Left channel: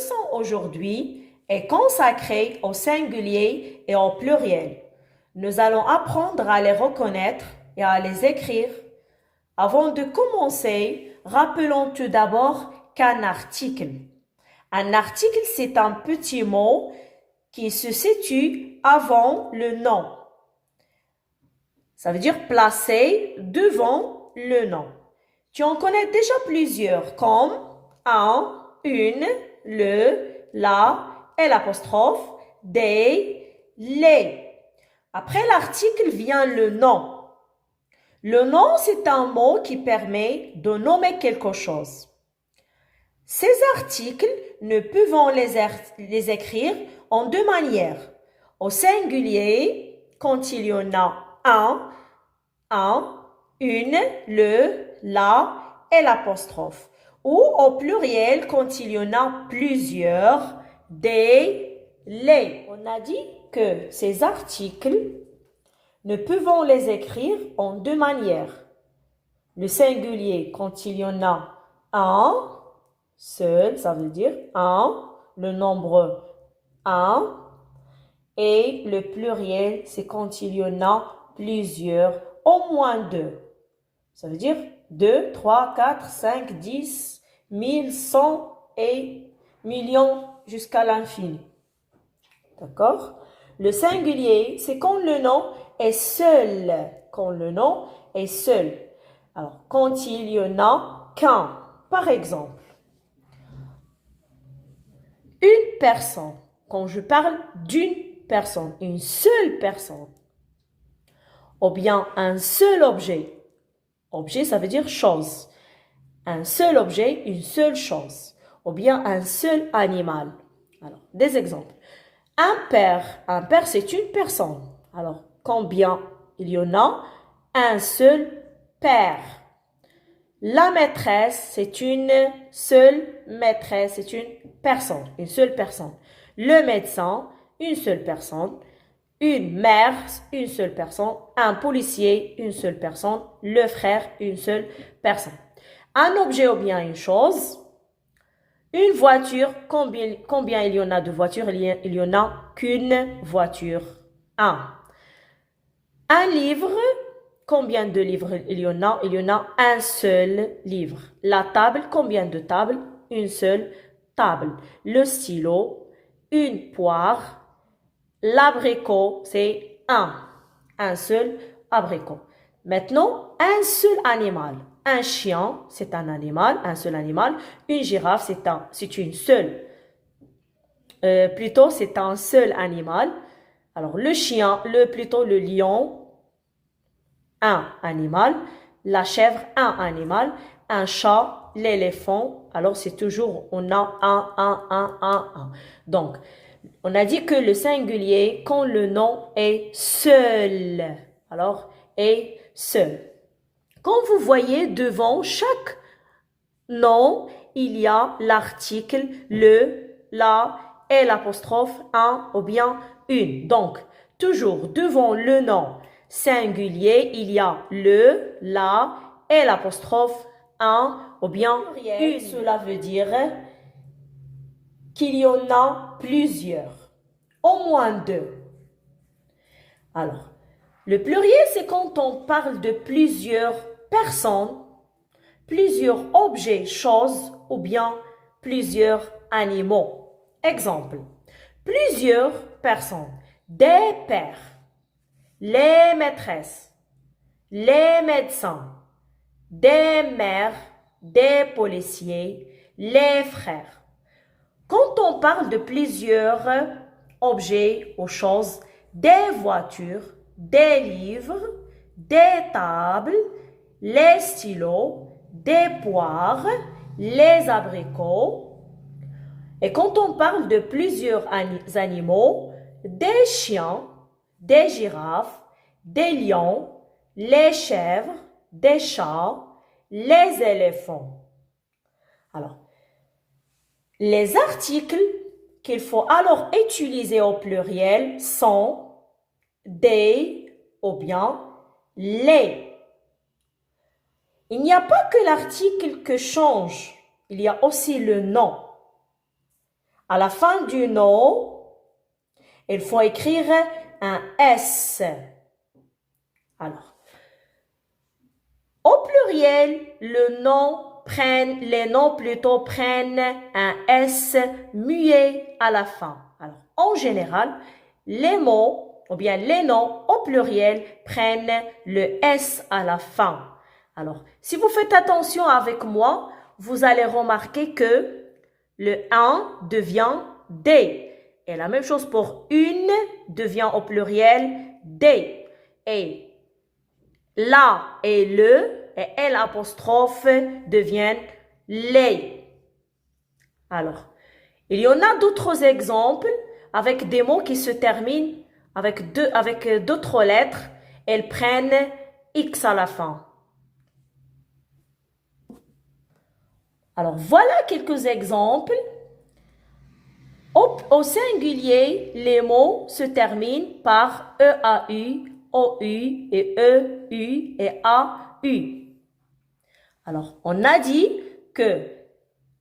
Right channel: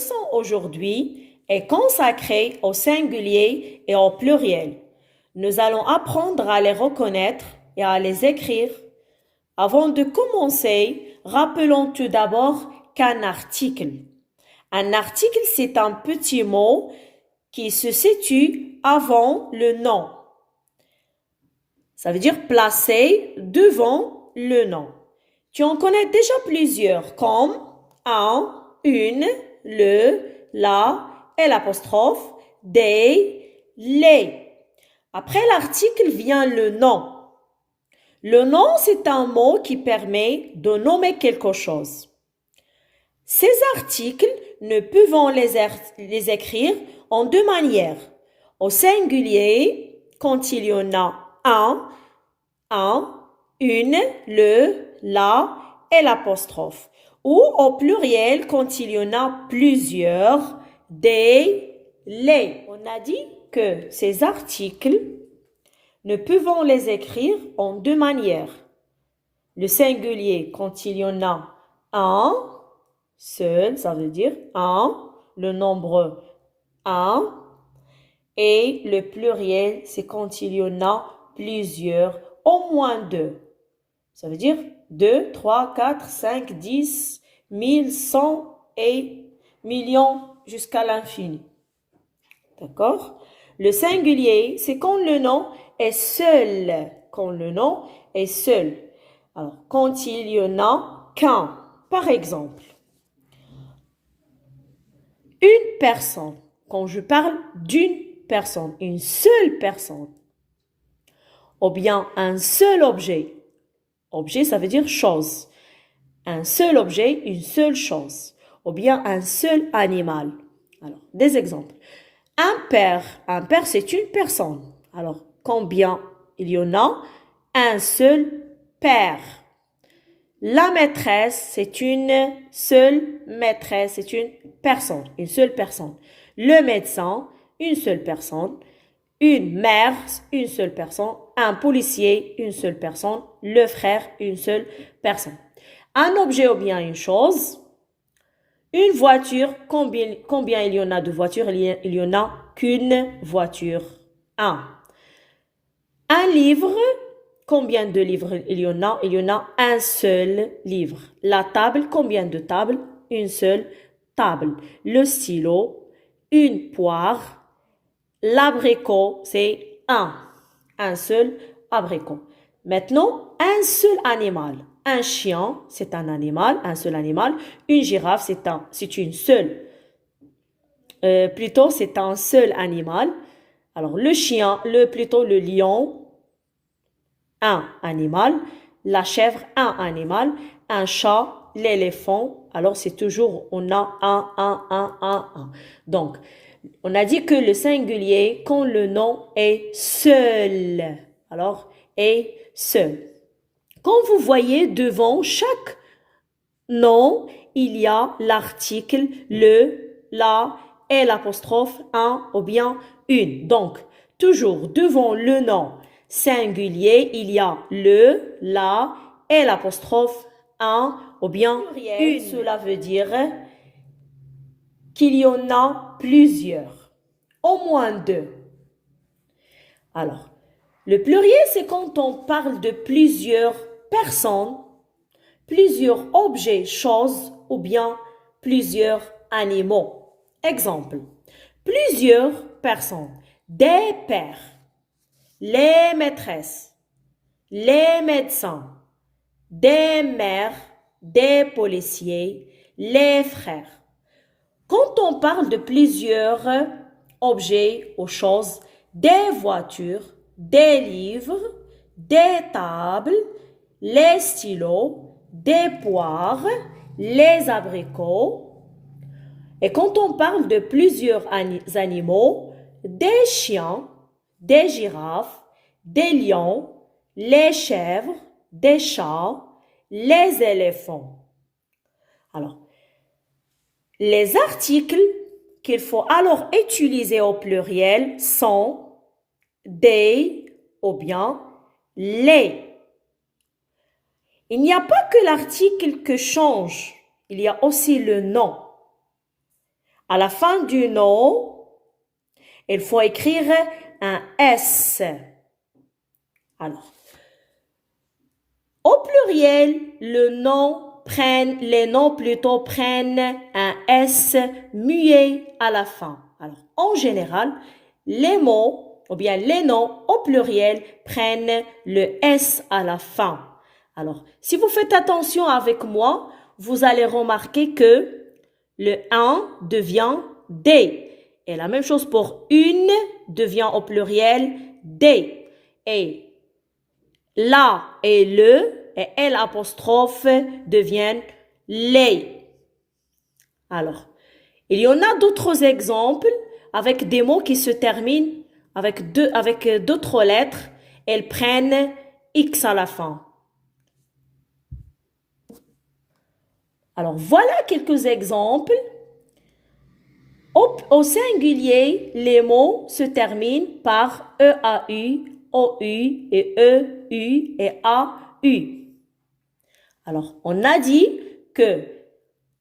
leçon aujourd'hui est consacrée au singulier et au pluriel. Nous allons apprendre à les reconnaître et à les écrire. Avant de commencer, rappelons tout d'abord qu'un article. Un article, c'est un petit mot qui se situe avant le nom. Ça veut dire placé devant le nom. Tu en connais déjà plusieurs comme un, une, le, la et l'apostrophe, des, les. Après l'article vient le nom. Le nom, c'est un mot qui permet de nommer quelque chose. Ces articles, nous pouvons les écrire en deux manières. Au singulier, quand il y en a un, une, le, la et l'apostrophe. Ou au pluriel, quand il y en a plusieurs, des, les. On a dit que ces articles, nous pouvons les écrire en deux manières. Le singulier, quand il y en a un, seul, ça veut dire un, le nombre un. Et le pluriel, c'est quand il y en a plusieurs, au moins deux. Ça veut dire 2, 3, 4, 5, 10, 1000, 100 et millions jusqu'à l'infini. D'accord? Le singulier, c'est quand le nom est seul. Quand le nom est seul. Alors, quand il y en a qu'un. Par exemple, une personne. Quand je parle d'une personne, une seule personne. Ou bien un seul objet. Objet, ça veut dire chose. Un seul objet, une seule chose. Ou bien un seul animal. Alors, des exemples. Un père, c'est une personne. Alors, combien il y en a? Un seul père. La maîtresse, c'est une seule maîtresse, c'est une seule personne. Le médecin, une seule personne. Une mère, une seule personne. Un policier, une seule personne. Le frère, une seule personne. Un objet ou bien une chose. Une voiture, combien il y en a de voitures? Il y en a qu'une voiture. Un. Un livre, combien de livres il y en a? Il y en a un seul livre. La table, combien de tables? Une seule table. Le stylo, une poire. L'abricot, c'est un seul abricot. Maintenant, un seul animal. Un chien, c'est un animal, un seul animal. Une girafe, c'est une seule. C'est un seul animal. Alors, le chien, le lion, un animal. La chèvre, un animal. Un chat, l'éléphant. Alors, c'est toujours, on a un. Donc, on a dit que le singulier, quand le nom est seul. Alors, est seul. Quand vous voyez devant chaque nom, il y a l'article, le, la et l'apostrophe un ou bien une. Donc, toujours devant le nom singulier, il y a le, la et l'apostrophe un ou bien une. Cela veut dire qu'il y en a plusieurs, au moins deux. Alors, le pluriel, c'est quand on parle de plusieurs personnes, plusieurs objets, choses ou bien plusieurs animaux. Exemple, plusieurs personnes, des pères, les maîtresses, les médecins, des mères, des policiers, les frères. Quand on parle de plusieurs objets ou choses, des voitures, des livres, des tables, les stylos, des poires, les abricots. Et quand on parle de plusieurs animaux, des chiens, des girafes, des lions, les chèvres, des chats, les éléphants. Alors, les articles qu'il faut alors utiliser au pluriel sont des ou bien les. Il n'y a pas que l'article que change, il y a aussi le nom. À la fin du nom, il faut écrire un S. Alors, au pluriel, les noms prennent un S muet à la fin. Alors, en général, les mots ou bien les noms au pluriel prennent le S à la fin. Alors, si vous faites attention avec moi, vous allez remarquer que le un devient des. Et la même chose pour une devient au pluriel des. Et la et le et L apostrophe deviennent les. Alors, il y en a d'autres exemples avec des mots qui se terminent avec d'autres lettres. Elles prennent X à la fin. Alors, voilà quelques exemples. Au singulier, les mots se terminent par EAU, OU et EU et AU. Alors, on a dit que,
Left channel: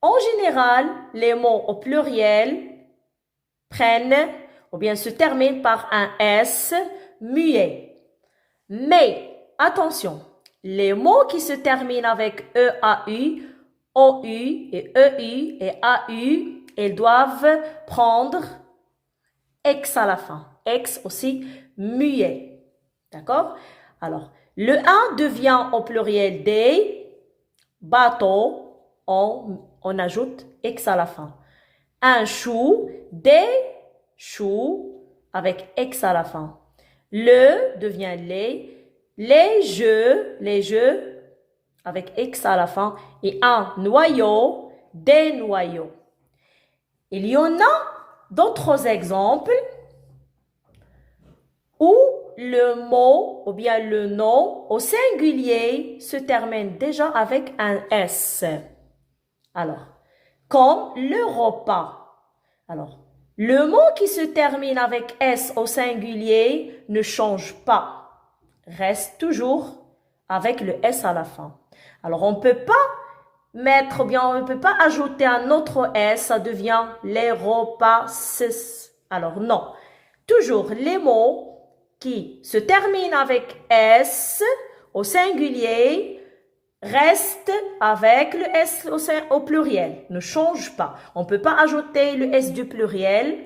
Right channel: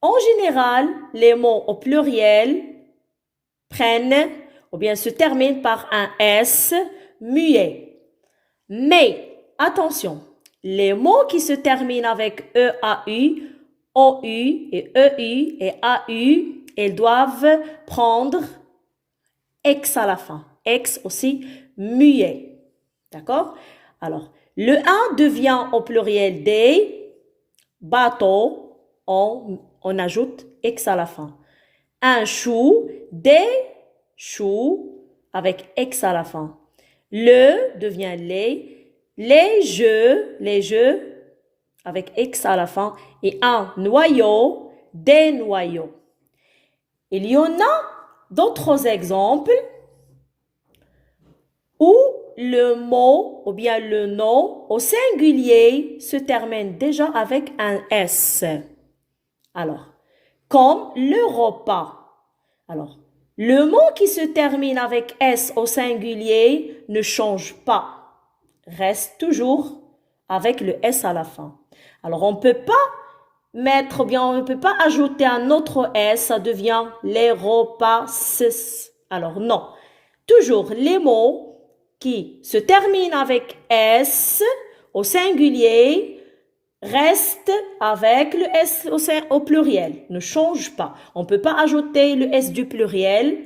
en général, les mots au pluriel prennent ou bien se terminent par un S muet. Mais, attention, les mots qui se terminent avec EAU, OU et EU et AU, ils doivent prendre X à la fin. X aussi muet. D'accord? Alors, le 1 devient au pluriel des bateaux. On ajoute X à la fin. Un chou, des choux avec X à la fin. Le devient les jeux avec X à la fin. Et un noyau, des noyaux. Il y en a d'autres exemples où le mot ou bien le nom au singulier se termine déjà avec un S. Alors, comme le repas. Alors, le mot qui se termine avec S au singulier ne change pas. Reste toujours avec le S à la fin. Alors, on ne peut pas mettre, ou bien on ne peut pas ajouter un autre S, ça devient les repas. Alors non, toujours les mots qui se terminent avec S au singulier restent avec le S au pluriel, ne change pas. On ne peut pas ajouter le S du pluriel.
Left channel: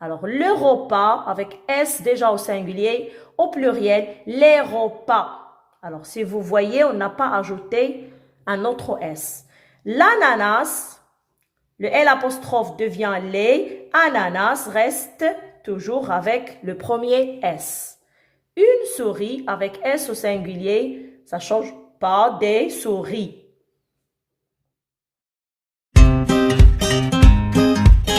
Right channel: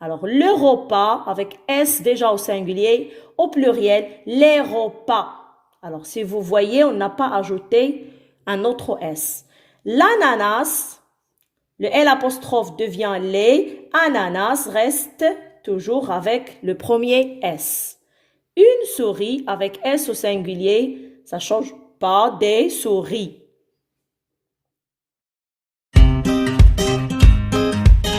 Alors le repas avec S déjà au singulier, au pluriel, les repas. Alors si vous voyez, on n'a pas ajouté un autre S. L'ananas, le L apostrophe devient les, ananas reste toujours avec le premier S. Une souris avec S au singulier, ça ne change pas des souris.